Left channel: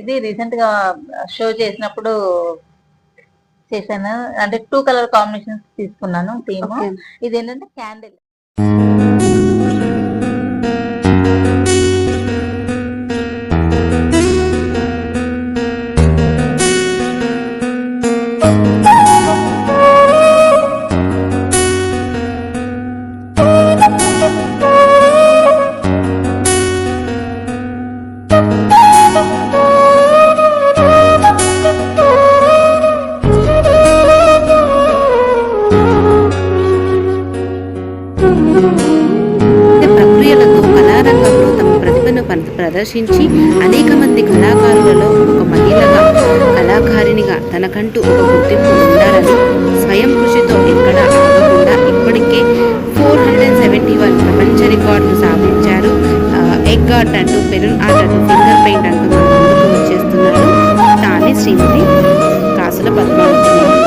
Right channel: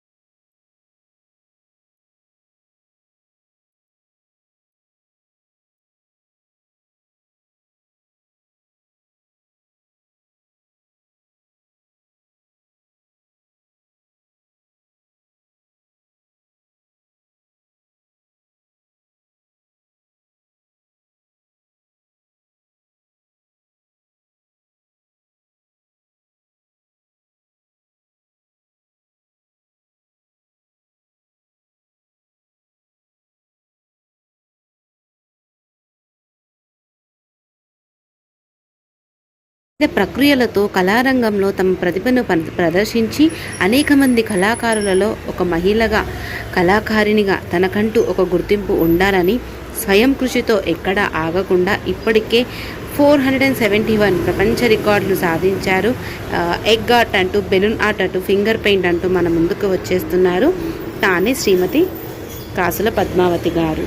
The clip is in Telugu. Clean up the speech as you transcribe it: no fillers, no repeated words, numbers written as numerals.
ఇది రీసెంట్ గా షో చేసినప్పుడు చేశాను. అంటే 2 కలర్ కాంబినేషన్స్ తీసుకున్నాను థీమ్. ఓకే. ఇదేంటంటే క్యాండిల్. ప్రక్రియలతో కళారంగంలో తమ ప్రతిభను ప్రదర్శించి అనేక మంది కళాకారులలో ఒక మహిళగా కళాకారిణిగా తనకంటూ ఒక గుర్తింపు ఉండాలని స్వయం కృషితో ఎక్కడా ఆగకుండా ఇప్పటికే 471 ప్రపంచ రికార్డులు సాధించారు. ఎగ్ ఆర్ట్ అంటూ, బెలూన్ ఆర్ట్ అంటూ, ఫింగర్ పెయింట్ అంటూ మన ముందుకు వచ్చేస్తున్నారు తానే శ్రీమతి కాసుల పద్మావతి గారు.